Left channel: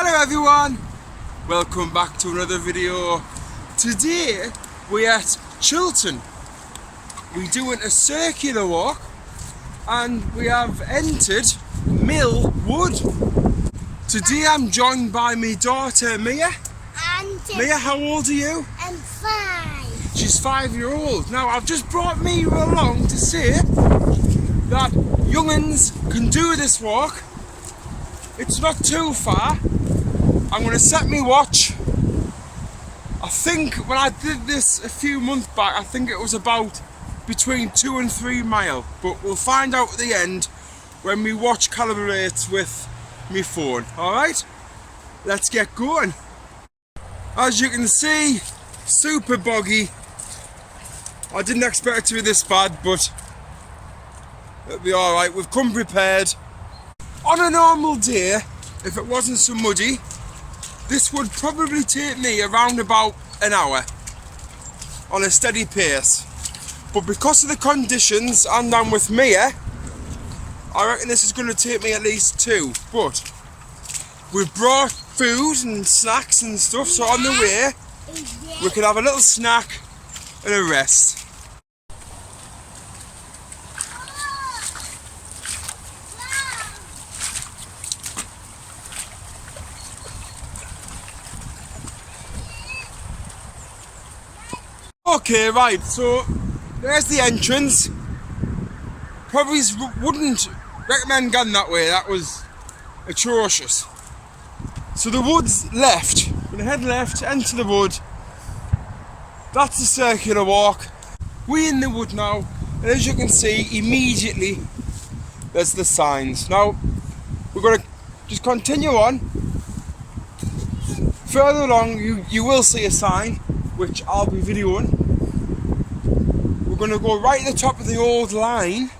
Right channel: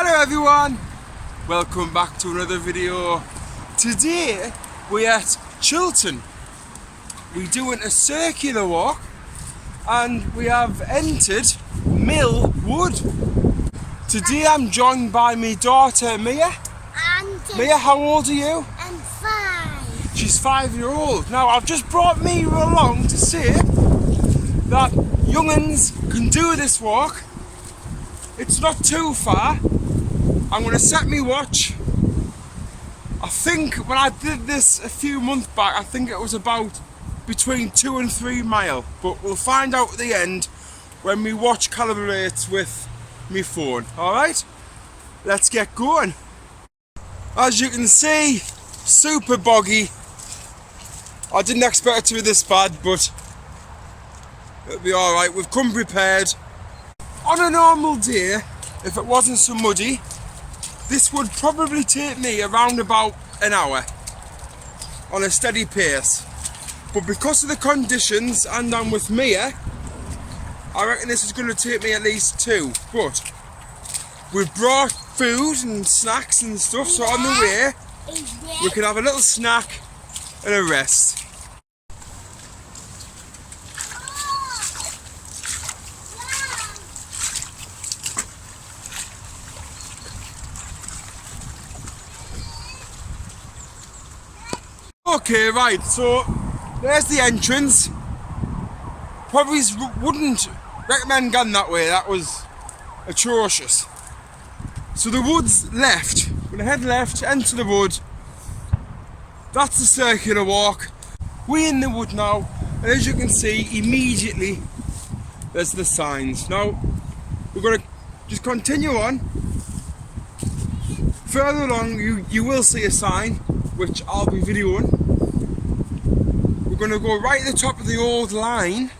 Hello everyone, welcome back to another video. Today we're at Chilton. We're doing a circular walk and we have entered Mill Wood. Today I'm joined by my daughter Mia. Mia, how old are you? I'm 5. She's 5-year-old. Now I've just brought Mia along to say that young'uns can do this walk. It's not too far. I'm going to set me watch. I think when I did this a few months back, I think it was about between 2 and 3 miles. But we'll find out at the end when my watch calibrates with my phone. Alright? Let's get going. As you can see, super boggy. I didn't expect it to be this bad, but it'll be alright. We've come prepared. On a normal day, if it wasn't so muddy, this would probably take me around about an hour on a steady pace. But because of the conditions and I'm with Mia, I reckon this is going to take me at least 2. But we've brought food and snacks and stuff, so on the way we can have a little snack and a rest. Okay, right, so there's the entrance. Probably wouldn't recommend going that way, that was atrocious. So the wood's left. We're gonna head left, enter the wood. That's the circular walk. We're in the wood now, and as you can see, immediately there's the signs. Now, we're gonna just continue on. Further along, you will see a sign, which I'll be videoing. We're going to go right at the top of the old line,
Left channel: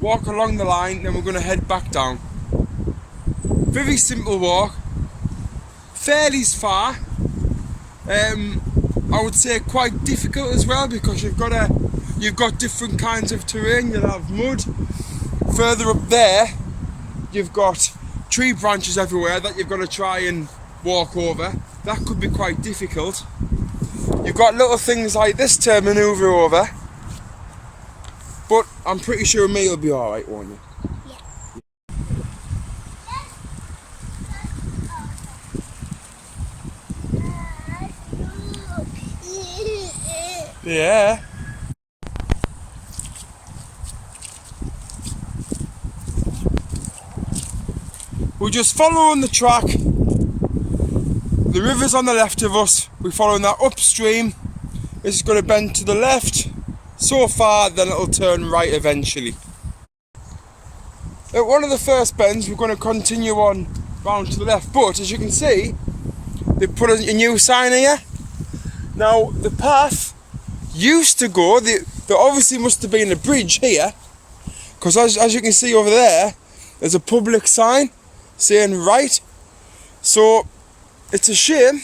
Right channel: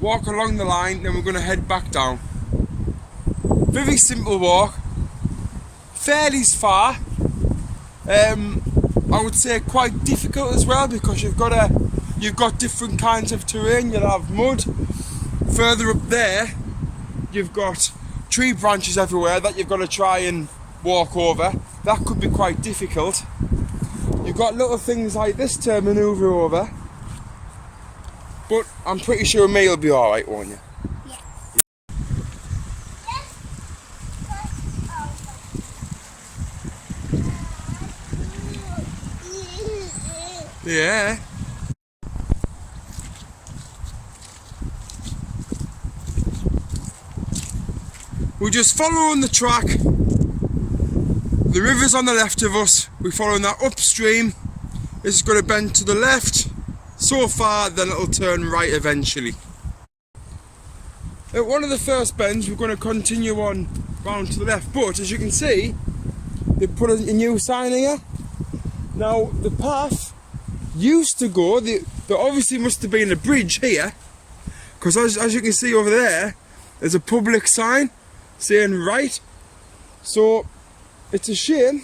walk along the line, then we're going to head back down. Very simple walk, fairly far. I would say quite difficult as well because you've got different kinds of terrain. You'll have mud. Further up there, you've got tree branches everywhere that you've got to try and walk over. That could be quite difficult. You've got little things like this to manoeuvre over, but I'm pretty sure me will be alright, won't you? Yeah. We're just following the track. The river's on the left of us, we're following that upstream. This is going to bend to the left so far, then it'll turn right eventually. At one of the first bends we're going to continue on round to the left, but as you can see they put a new sign here. Now the path used to go, there obviously must have been a bridge here, because as you can see over there's a public sign saying right, so it's a shame.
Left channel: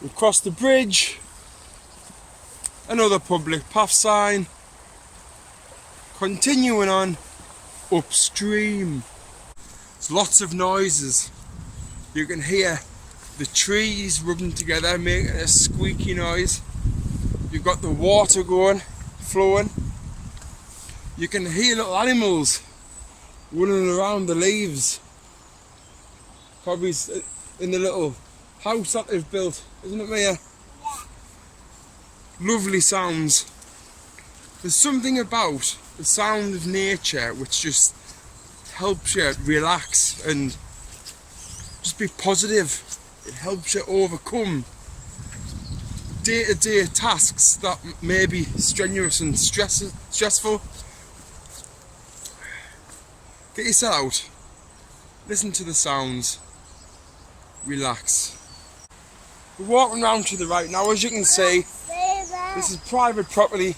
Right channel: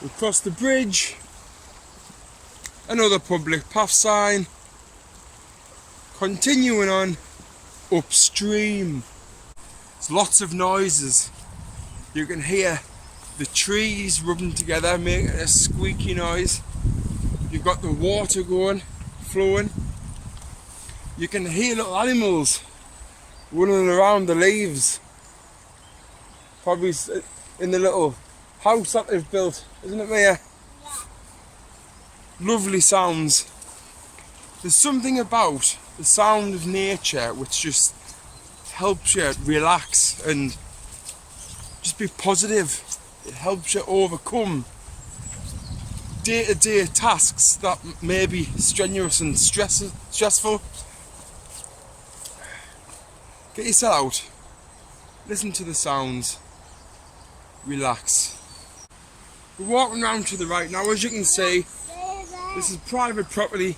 We've crossed the bridge, another public path sign, continuing on upstream. There's lots of noises. You can hear the trees rubbing together, making a squeaky noise. You've got the water going, flowing. You can hear little animals running around the leaves. Probably in the little house that they've built, isn't it, Mia? Yeah. Lovely sounds. There's something about the sound of nature which just helps you relax and just be positive. It helps you overcome day-to-day tasks that may be strenuous and stressful. Get yourself out, listen to the sounds, relax. We're walking round to the right now. As you can see, this is private property.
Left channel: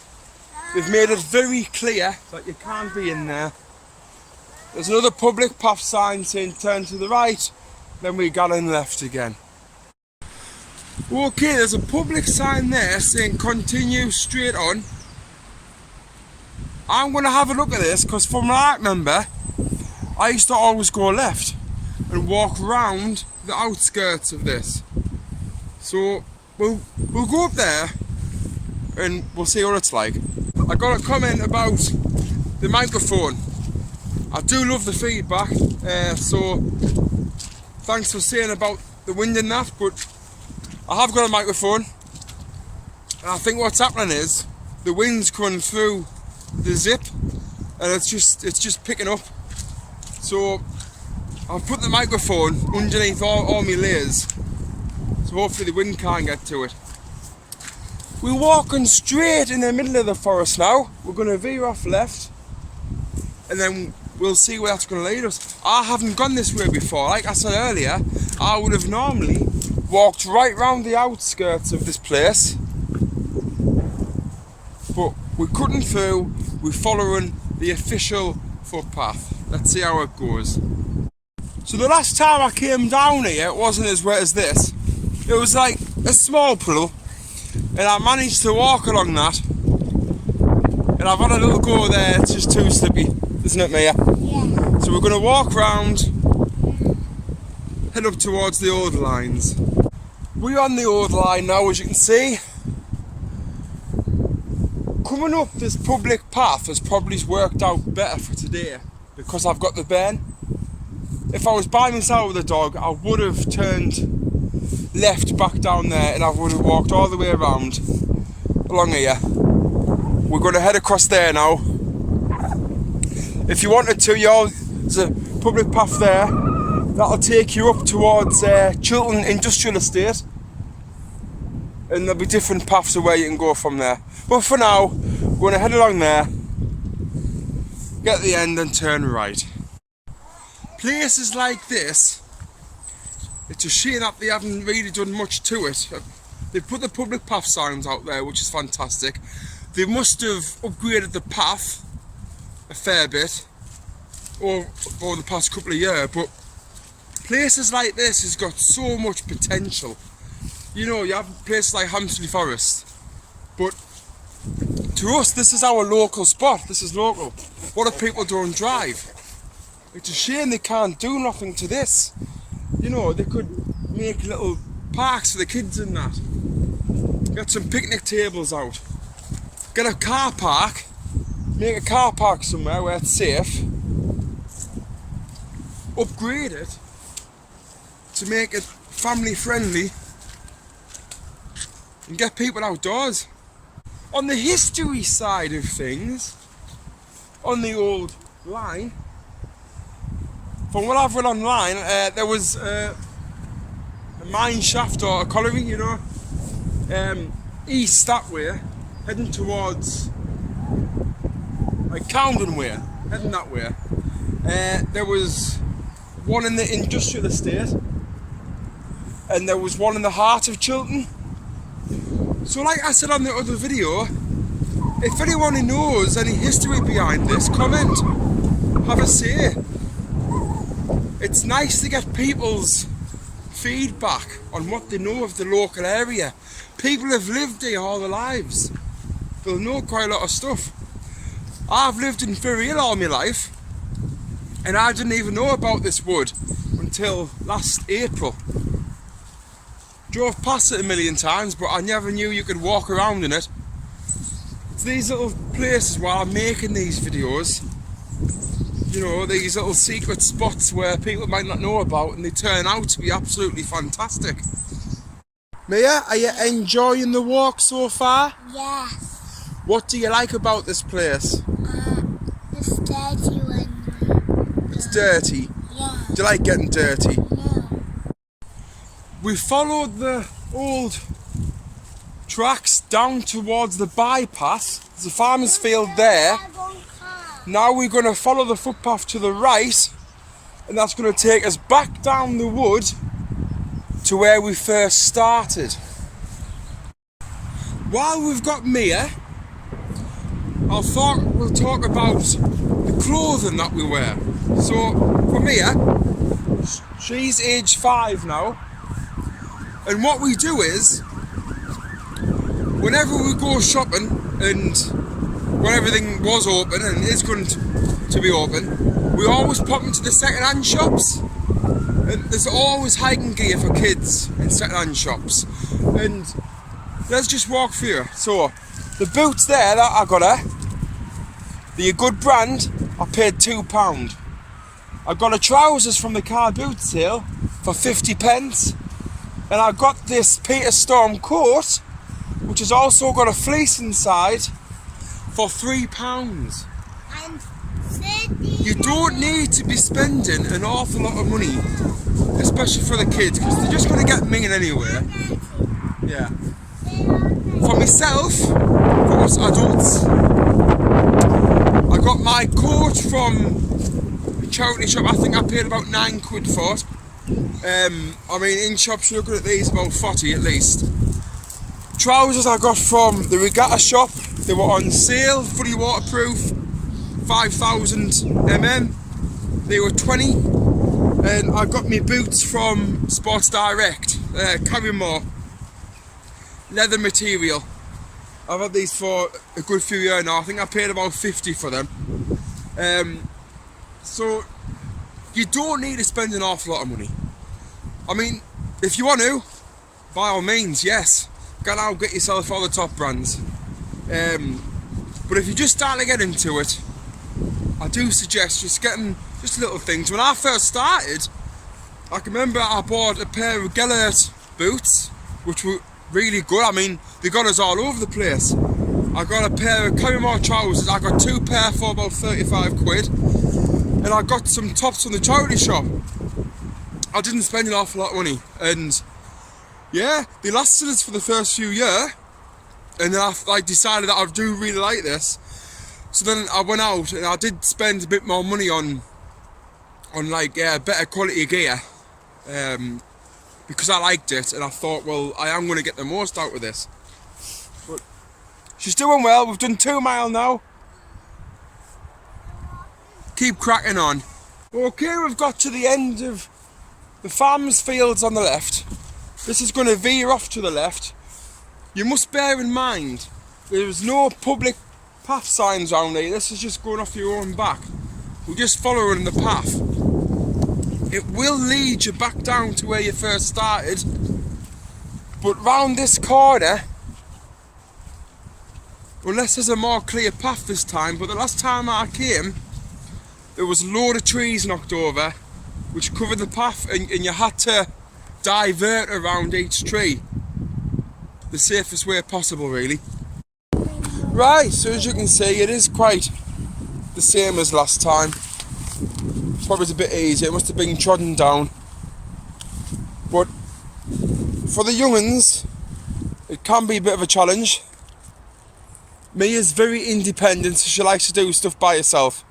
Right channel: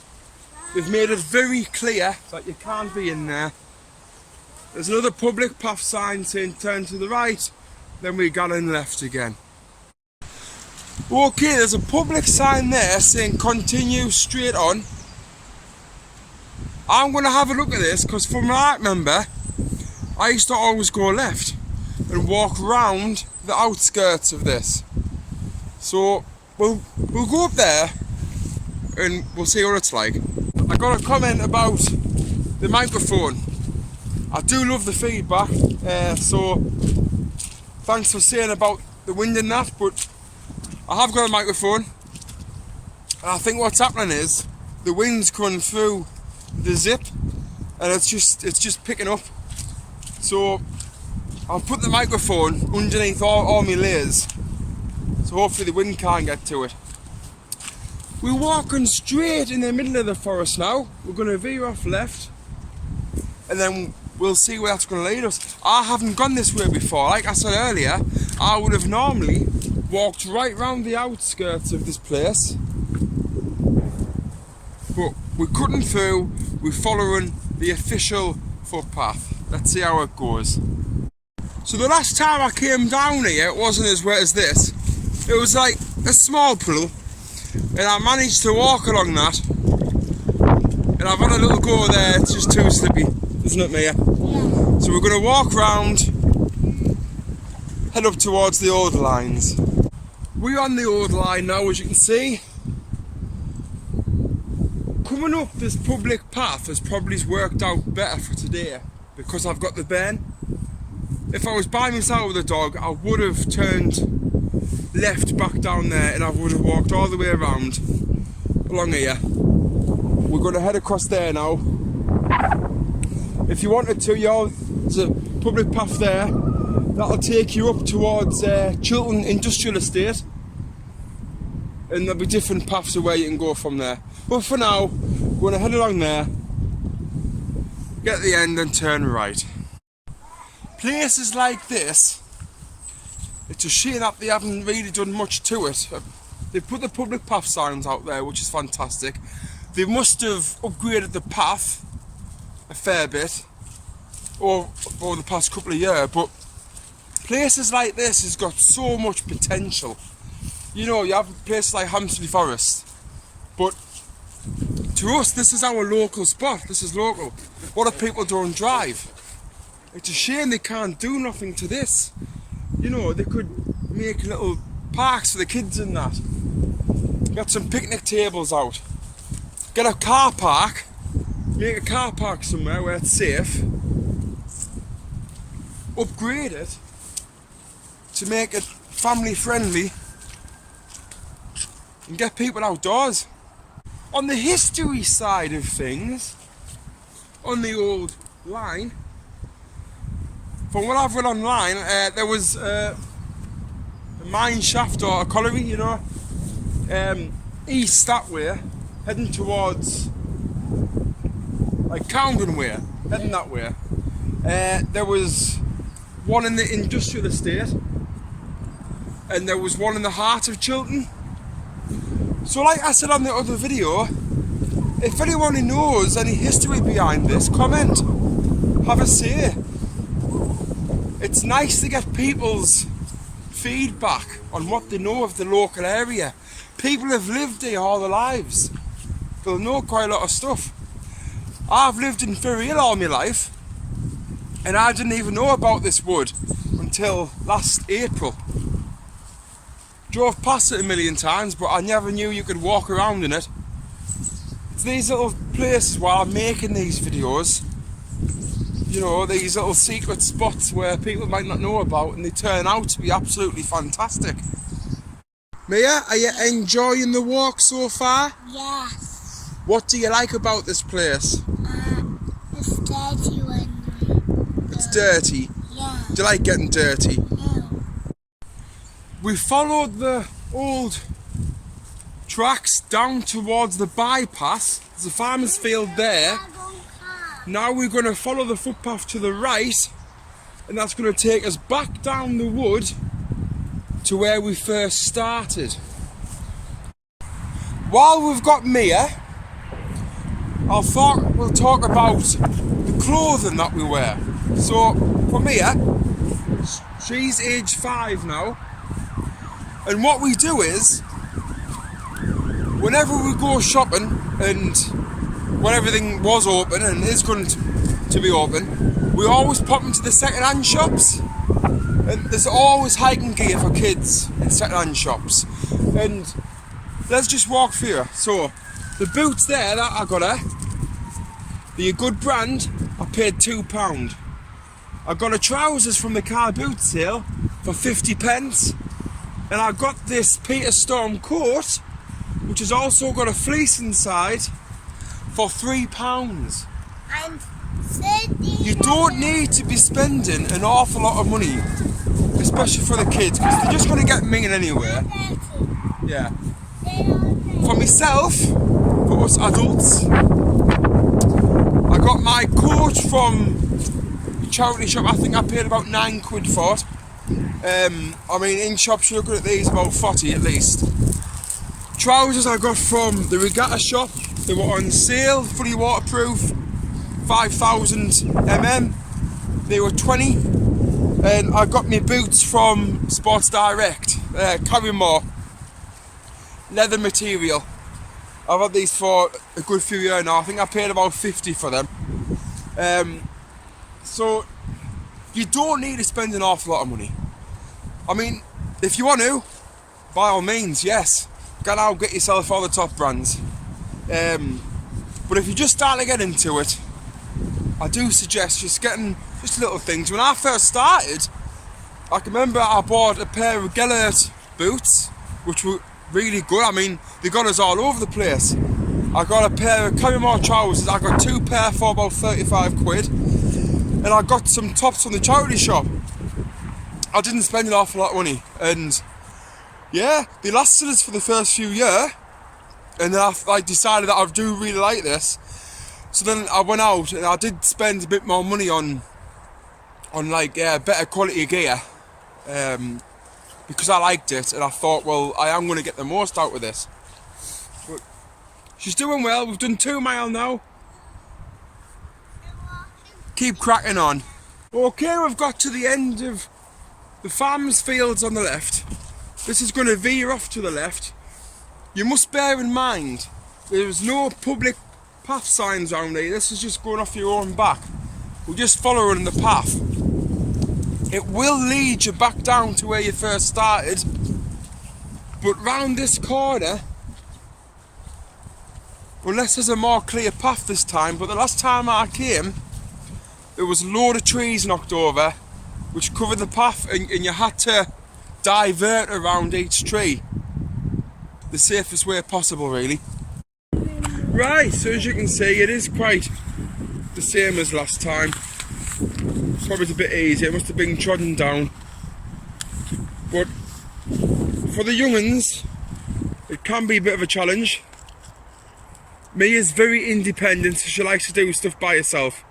They've made it very clear that you can't be in there. There's another public path sign saying turn to the right, then we got in left again. Okay, there's a public sign there saying continue straight on. I'm going to have a look at this because from what I remember, I used to always go left and walk round the outskirts of this. So we'll go up there and we'll see what it's like. I got a comment about the microphone. I do love the feedback, so thanks for saying about the wind and that, but I have got a microphone and I think what's happening is the wind's coming through the zip and it's just picking up. So I've put the microphone underneath all my layers, so hopefully the wind can't get to it. We're walking straight in the middle of the forest now. We're going to veer off left and then we'll see where that's going to lead us. I haven't gone this way before. Like I said earlier, I would have normally walked right round the outskirts of this place, but we're cutting through, we're following the official footpath. Let's see how it goes. So the last time I came down here, it wasn't as wet as this. It was like a small puddle, and I managed to walk along that, and I've had a little go there. It's just too slippy, isn't it, Mia? Yeah. So we're going to walk round, head up towards the old lines. We're on the old line now, as you can see. Coming up this public path has probably worked out better for today because I've got the Ben. If I was by myself with the dog, I would have turned left back down there and I would have walked all the way around along here. We're going to head across there now. If you wanted to, there's a public path there that'll take you up towards Chilton Industrial Estate, and there'll be different paths of where you can go from there. But for now, we're going to head along there, get to the end and turn right. Places like this, it's a shame that they haven't really done much to it. They've put the public path signs out there, which is fantastic. They must have upgraded the path a fair bit over the past couple of years, but places like this has got so much potential. You know, you have places like Hampstead Forest, but to us this is our local spot. This is local. What if people don't drive? It's a shame they can't do nothing to this. You know, they could make little parks for the kids and that. Get some picnic tables out. Get a car park. Make a car park somewhere where it's safe. Upgrade it to make it family friendly and get people outdoors. On the history side of things, on the old line, from what I've read online, there was a mine shaft or a colliery, you know, east that way, heading towards like Camden way, heading that way. There was one in the industrial estate and there was one in the heart of Chilton. So like I said on the other video, if anyone who knows any history behind this, comment, have a say. It's nice to get people's feedback on what they know of the local area. People have lived here all their lives. They'll know quite a lot of stuff. I've lived in Ferryhill all my life and I didn't even know about this wood until last April. Drove past it a million times, but I never knew you could walk around in it. It's these little places while I'm making these videos, you know, these little secret spots where people might not know about and they turn out to be absolutely fantastic. Mia, are you enjoying the walk so far? Yes. What do you like about this place? It's dirty when It's dirty? Yeah. Do you like getting dirty? No. We followed the old tracks down towards the bypass. There's a farmer's field there. Now we're going to follow the footpath to the right, and that's going to take us back down the wood to where we first started. While we've got Mia, we'll talk about the clothing that we wear. So from here, she's age 5 now, and what we do is, whenever we go shopping and when everything was open and is going to be open, we always pop into the second-hand shops, and there's always hiking gear for kids in second-hand shops. And let's just walk through. So the boots there that I got her, they're a good brand. I paid £2. I got her trousers from the car boot sale for 50 pence, and I got this Peter Storm coat, which has also got a fleece inside, for £3. You don't need to be spending an awful lot of money, especially for the kids, because they're just going to get minging anywhere. Yeah. For myself, for us adults, I got my coat from charity shop. I think I paid about £9 for it. I mean, in shops you're looking at these about 40 at least. Trousers I got from the regatta shop. They were on sale, fully waterproof, 5,000 mm. They were 20. And I got my boots from Sports Direct, Carrymore, leather material. I've had these for a good few years now. I think I paid about 50 for them. So you don't need to spend an awful lot of money. I mean, if you want to, by all means, yes, go out, get yourself all the top brands. But if you just start to get into it, I do suggest just getting just little things. When I first started, I can remember I bought a pair of Gellert boots, which were really good. I mean, they got us all over the place. I got a pair of Carrymore trousers. I got 2 pair for about 35 quid. And I got some tops from the charity shop. I didn't spend an awful lot of money. And yeah, they lasted us for the first few years. And then I decided that I do really like this. So then I went out and I did spend a bit more money on like better quality gear. Because I liked it, and I thought, well, I am going to get the most out of this. But she's doing well. We've done 2 miles now. Keep cracking on. Okay, we've got to the end of the farmers' fields on the left. This is going to veer off to the left. You must bear in mind, there's no public path signs around here. This is just going off your own back. We're just following the path. It will lead you back down to where you first started, but round this corner, unless there's a more clear path this time, but the last time I came, there was a load of trees knocked over, which covered the path, and you had to divert around each tree. The safest way possible, really. Right, so as you can see, it is quite the same as last time. Probably a bit easier, it must have been trodden down. But for the young'uns, it can be a bit of a challenge. Mia's very independent, so she likes to do stuff by herself.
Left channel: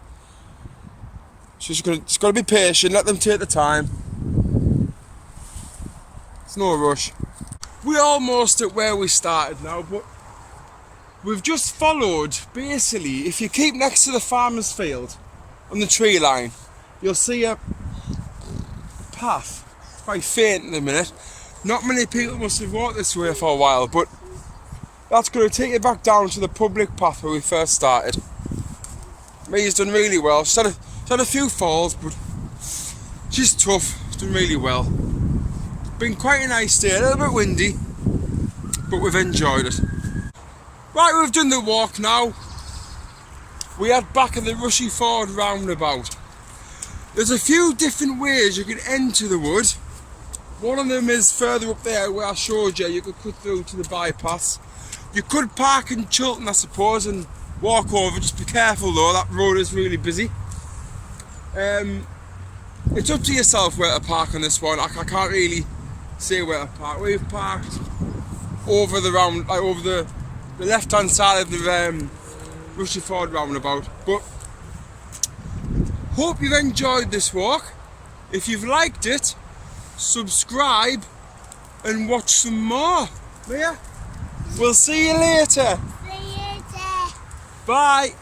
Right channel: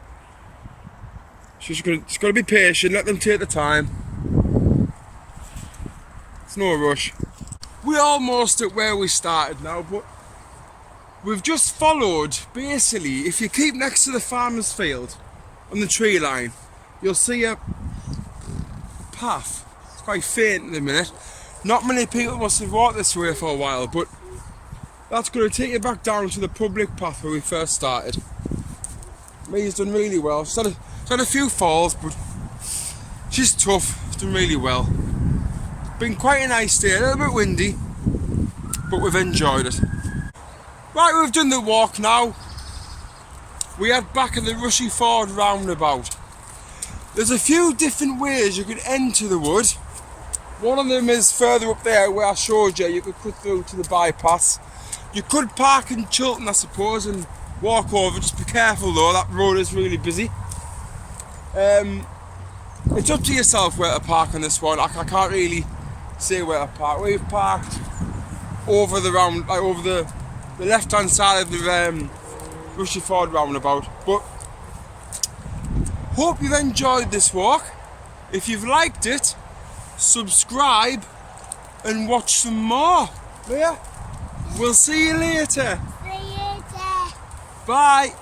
She's got to be patient, let them take the time. It's no rush. We're almost at where we started now, but we've just followed, basically, if you keep next to the farmer's field on the tree line, you'll see a path. It's quite faint in a minute. Not many people must have walked this way for a while, but that's going to take you back down to the public path where we first started. Mia's done really well. She's had a few falls, but she's tough. She's done really well. Been quite a nice day, a little bit windy, but we've enjoyed it. Right, we've done the walk now. We head back at the Rushy Ford roundabout. There's a few different ways you can enter the wood. One of them is further up there where I showed you. You could cut through to the bypass. You could park in Chilton, I suppose, and walk over. Just be careful though, that road is really busy. It's up to yourself where to park on this one. I can't really say where to park. We've parked over the over the left hand side of the Rushy Ford roundabout. But hope you've enjoyed this walk. If you've liked it, subscribe and watch some more. Yeah, we'll see you later. See you later. Bye.